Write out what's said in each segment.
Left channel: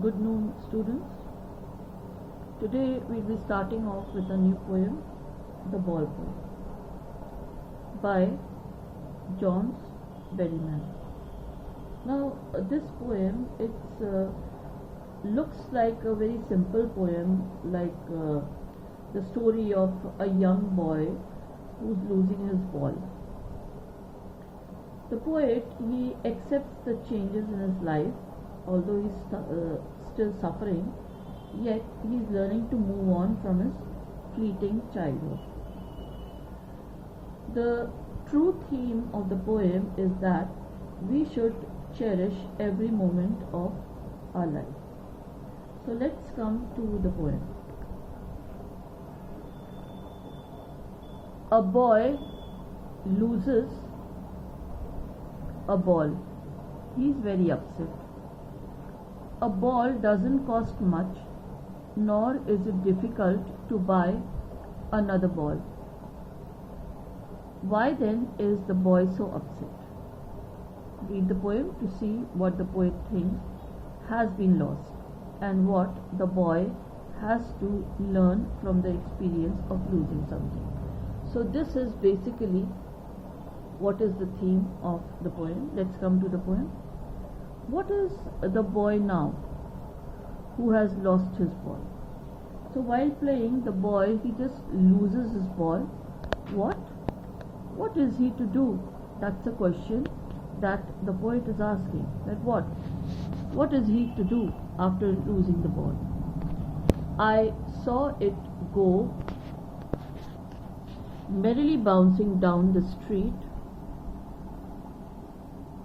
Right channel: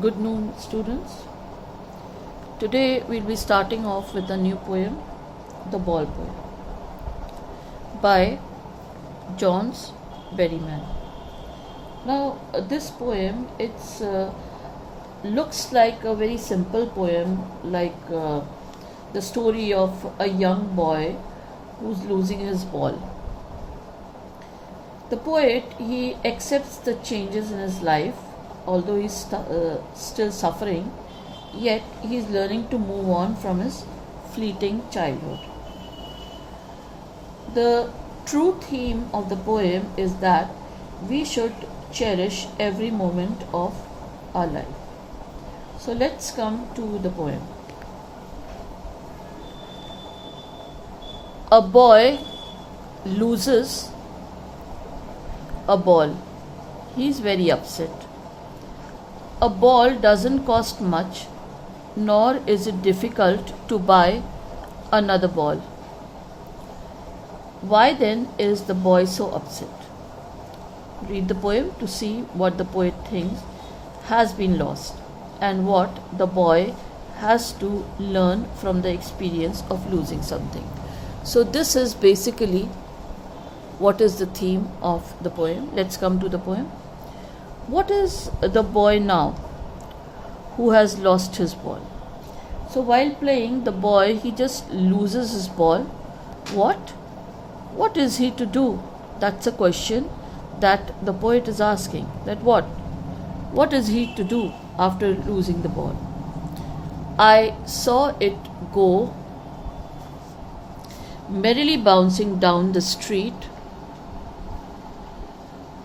Good noon, students. Today we'll be starting off with a new poem, The Ball Poem, by Johns Berryman. Now, this poem, it's looks like a very simple poem, like the story of a young boy who's losing his ball. The poet, he accepts the changes in his life, although he's still suffering, yet he is learning to move on from his fleeting childhood. The true theme of the poem is that we should cherish every moment of our life. So let's come to the poem. A boy loses a ball. He is very upset. A ball doesn't cost much, nor is it difficult to buy another ball. Why then is the boy so upset? Read the poem to see what the poet thinks has been lost and what the boy has to learn from the experience of losing something. So, this is basically what is the theme of the poem. Let's come to the poem. What is the boy now who has lost his ball? So while playing, the boy, he just loses his ball. What? What is he to do? That's a question that the poet is asking. That what? What is he to do after losing the ball? I saw it go merrily bouncing down the street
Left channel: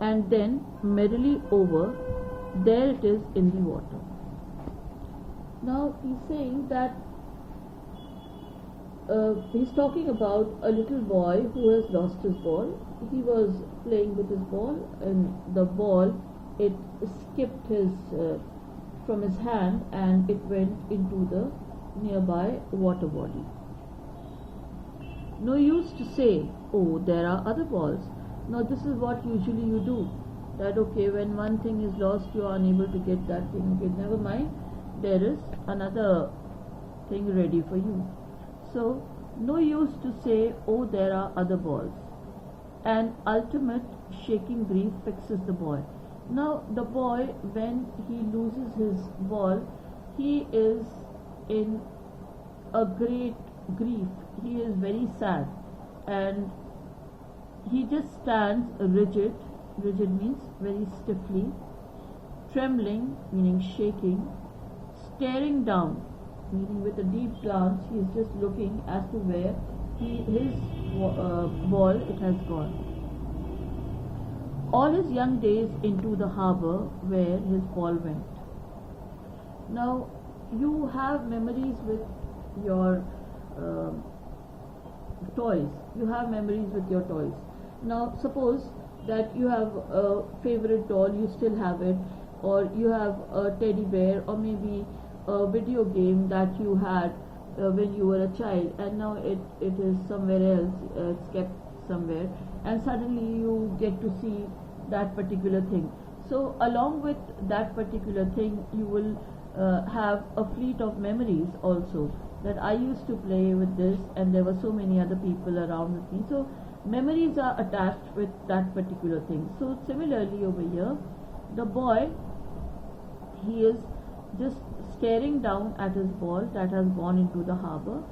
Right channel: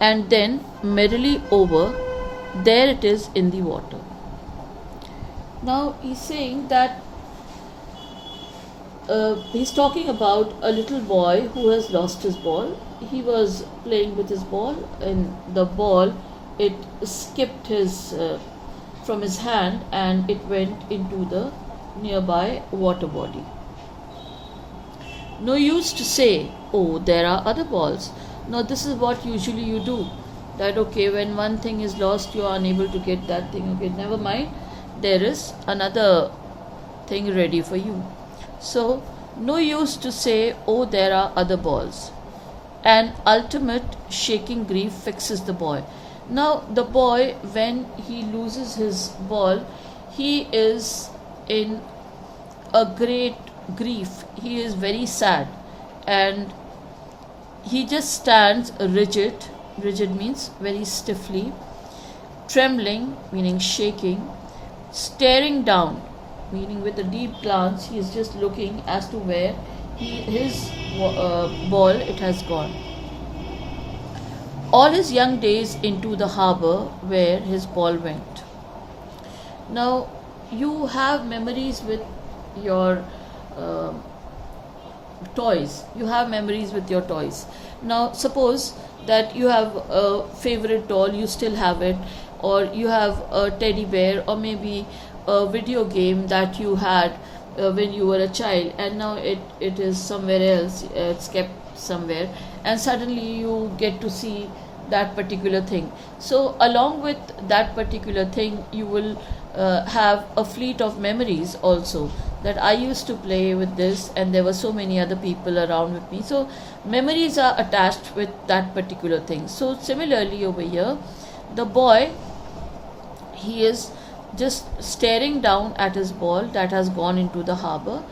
and then merrily over, there it is in the water. Now he's saying that he's talking about a little boy who has lost his ball. He was playing with his ball, and the ball, it skipped his from his hand and it went into the nearby water body. No use to say, oh, there are other balls. No, this is what usually you do. That okay, when one thing is lost, you are unable to get that thing. Okay, never mind. There is another thing ready for you. So, no use to say, oh, there are other balls. An ultimate shaking grief fixes the boy. Now, the boy, when he loses his ball, he is in a great grief. He is very sad, and he just stands rigid. Rigid means very stiffly, trembling, meaning shaking, staring down, meaning with a deep glance. He is just looking as to where his ball it has gone. All his young days into the harbor where his ball went. Now, you have memories with your toys. You have memories with your toys. Now, suppose that you have a favorite doll, you still have it, or you have a teddy bear, or maybe a video game that you had when you were a child, and now it is somewhere else, it's kept somewhere, and suddenly you get to see that particular thing. So, along with that particular thing, you will have a fleet of memories also, that I used to play with this and there were so many other people around with me. So memories are attached with that particular thing. So similarly over here, the boy, he is just staring down at his ball that has gone into the harbor,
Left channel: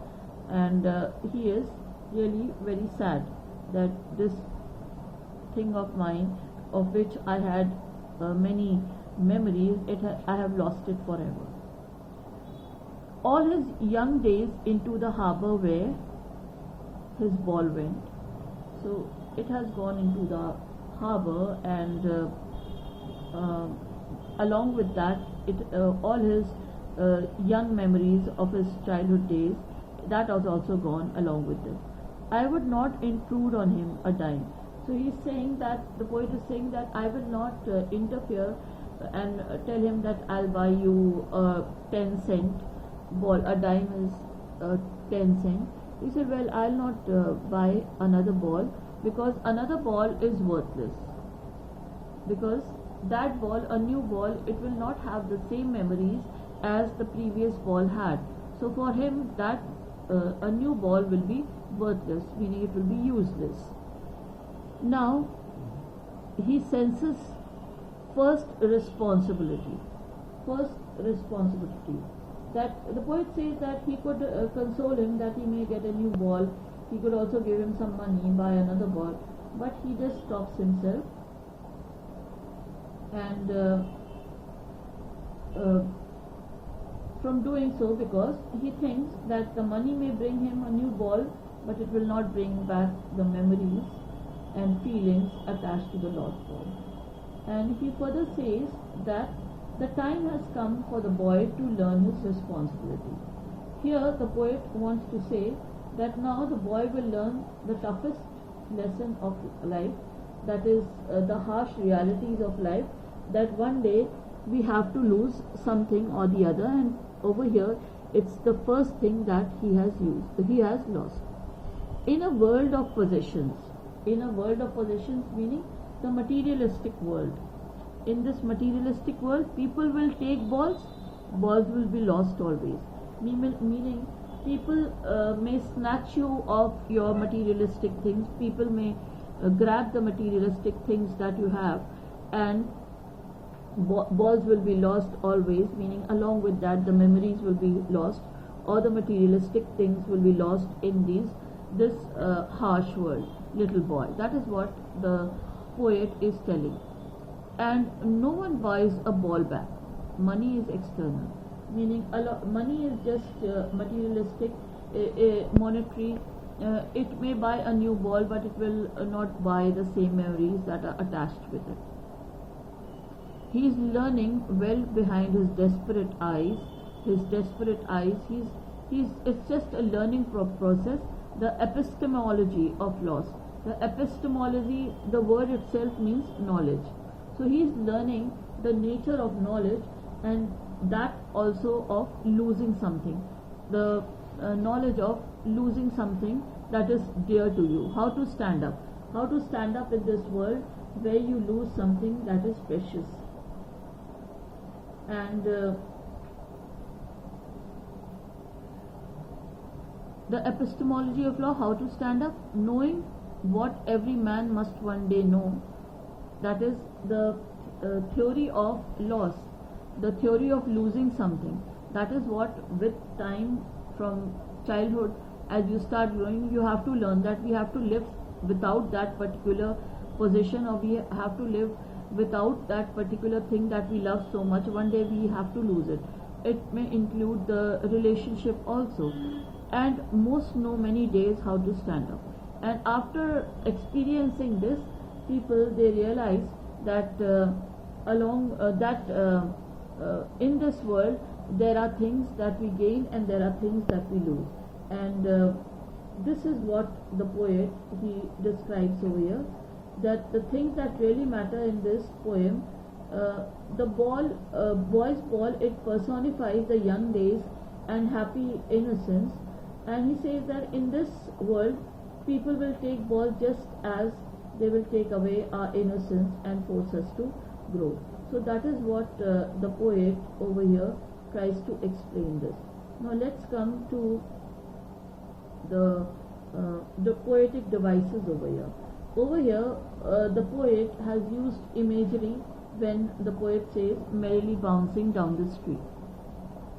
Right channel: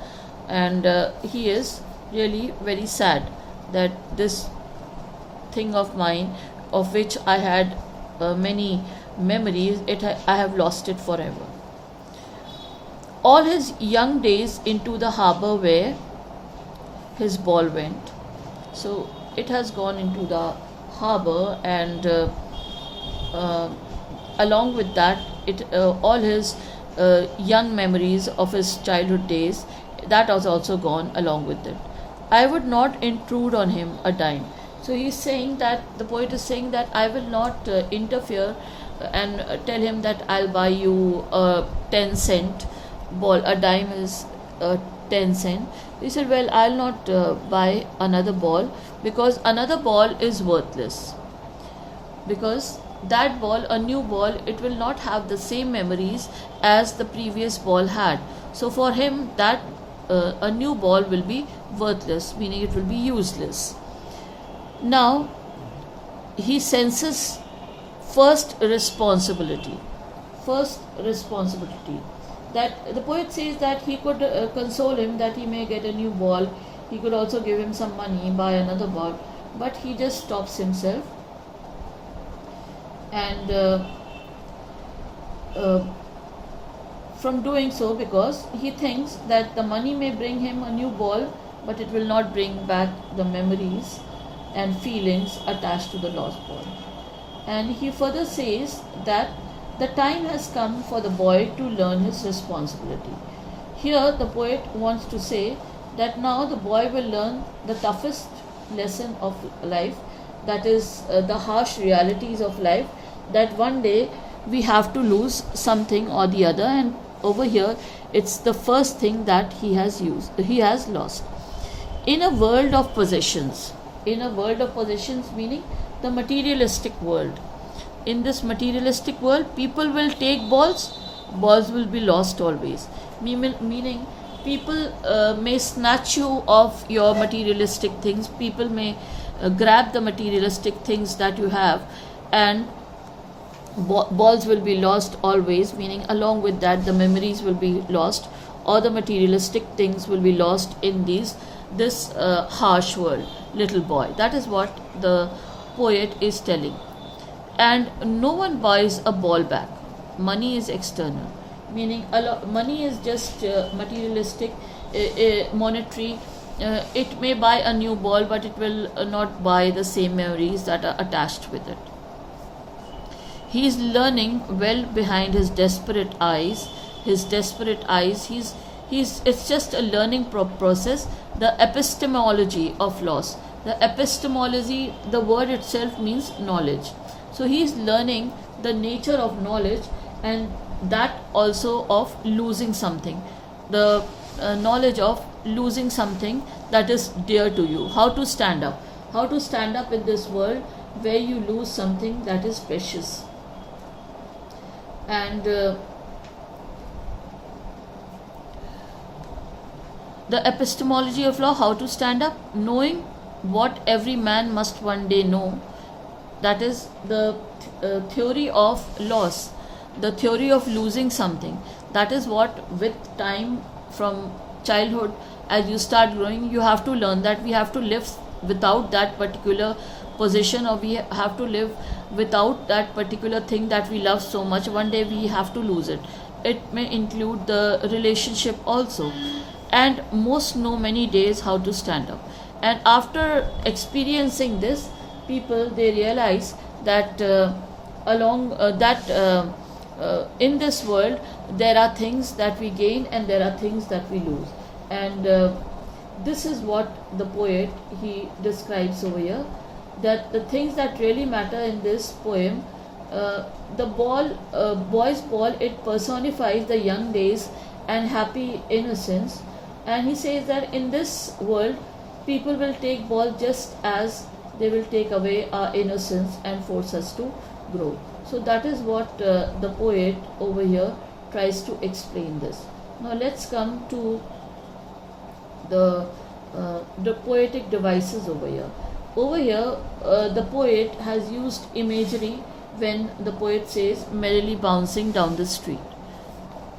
and he is really very sad that this thing of mine, of which I had many memories, I have lost it forever. All his young days into the harbor where his ball went. So it has gone into the harbor, and along with that, all his young memories of his childhood days, that was also gone along with it. I would not intrude on him a dime. So he's saying that, the poet is saying that I will not interfere and tell him that I'll buy you a 10-cent ball. A dime is 10 cent. He said, well, I'll not buy another ball, because another ball is worthless, because that ball, a new ball, it will not have the same memories as the previous ball had. So for him, that a new ball will be worthless, meaning it will be useless. Now he senses first responsibility. First responsibility. That the poet says that he could console him that he may get a new ball. He could also give him some money, buy another ball, but he just stops himself and uh, from doing so, because he thinks that the money may bring him a new ball, but it will not bring back the memories and feelings attached to the lost ball. And he further says that the time has come for the boy to learn his responsibility. Here, the poet wants to say that now the boy will learn the toughest lesson of life, that is the harsh realities of life, that one day we have to lose something or the other, and over here it's the first thing that he has lost. In a world of possessions, meaning the materialistic world, in this materialistic world, people will take balls will be lost always. Meaning people may snatch you of your materialistic things, people may grab the materialistic things that you have, and balls will be lost always, meaning along with that the memories will be lost, or the materialistic things will be lost in this harsh world, little boy. That is what the poet is telling. And no one buys a ball back. Money is external, meaning money is just materialistic, monetary. It may buy a new ball, but it will not buy the same memories that are attached with it. He is learning well behind his desperate eyes. He's it's just a learning process. The epistemology of loss. The epistemology, the word itself means knowledge. So he is learning the nature of knowledge, and that also of losing something. The knowledge of losing something that is dear to you. How to stand up. How to stand up in this world where you lose something that is precious. And the epistemology of law, how to stand up, knowing what every man must one day know. That is the theory of loss, the theory of losing something. That is what, with time, from childhood, as you start growing, you have to learn that we have to live without that particular position, or we have to live without that particular thing that we love so much. One day we have to lose it. It may include the relationship also. And most know many days how to stand up. And after experiencing this, people, they realize that in this world there are things that we gain and there are things that we lose. And this is what the poet, he describes over here, that the things that really matter in this poem, the boy's ball, it personifies the young days and happy innocence. And he says that in this world people will take ball just as they will take away our innocence and force us to grow. So that is what the poet over here tries to explain this. Now let's come to the poetic devices over here. Over here, the poet has used imagery when the poet says merrily bouncing down the street.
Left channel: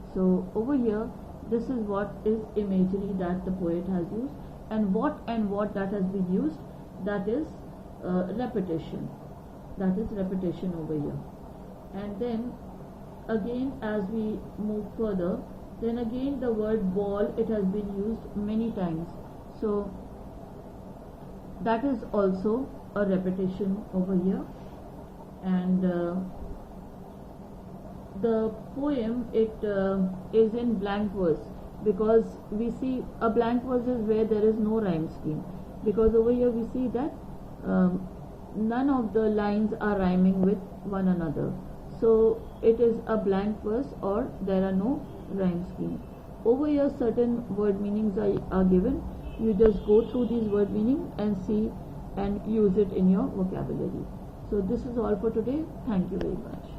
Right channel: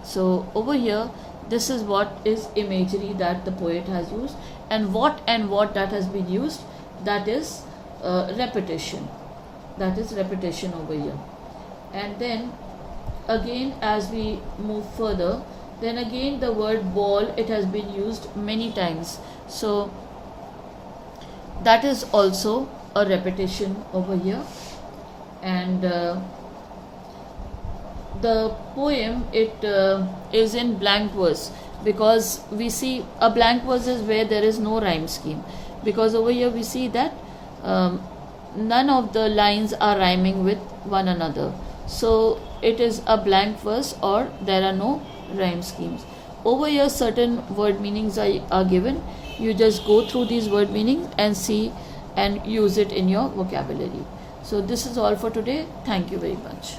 So over here, this is what is imagery that the poet has used, and what that has been used, that is repetition. That is repetition over here. And then again, as we move further, then again the word ball, it has been used many times. So that is also a repetition over here. And the poem, it is in blank verse, because we see a blank verse is where there is no rhyme scheme, because over here we see that none of the lines are rhyming with one another. So it is a blank verse, or there are no rhyme schemes. Over here certain word meanings are given. You just go through these word meanings and see and use it in your vocabulary. So this is all for today. Thank you very much.